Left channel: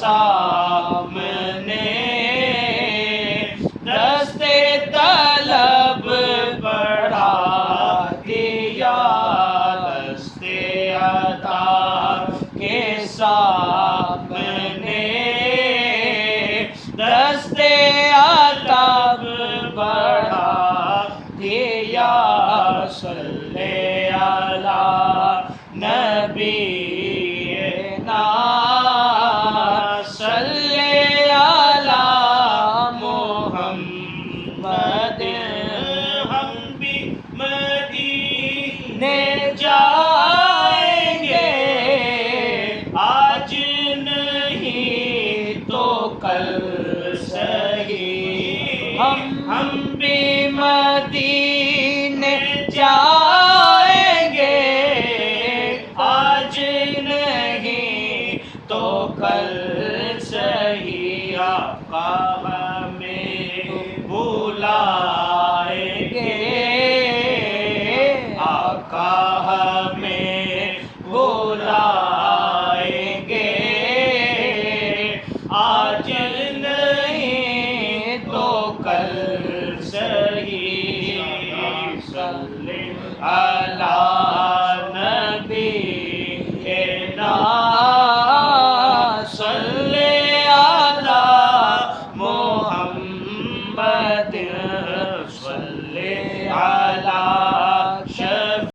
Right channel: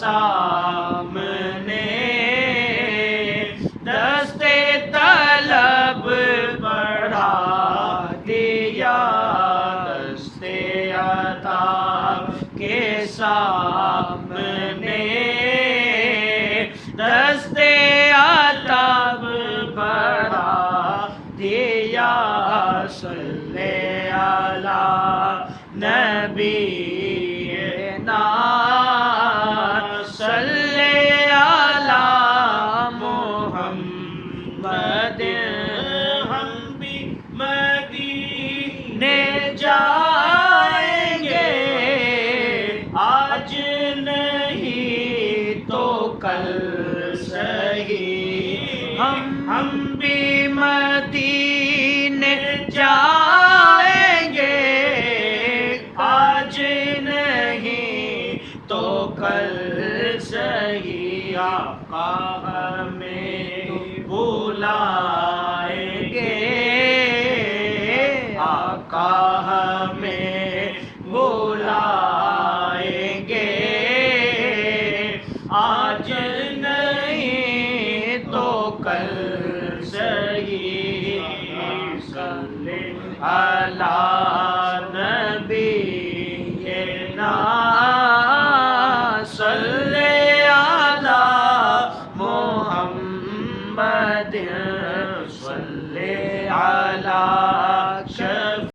سامنے دستے طلب بڑھا دیا، دستے عطا کے سامنے دستے عطا بڑھا دیا۔ صلی علی نبینا صلی علی محمد۔ ہم بھی مدینے جائیں گے، آج نہیں تو کل سہی، ہم بھی مدینے جائیں گے، آج نہیں تو کل سہی۔ آقا ہمیں بلائیں گے، آقا ہمیں بلائیں گے، آج نہیں تو کل سہی۔ صلی علی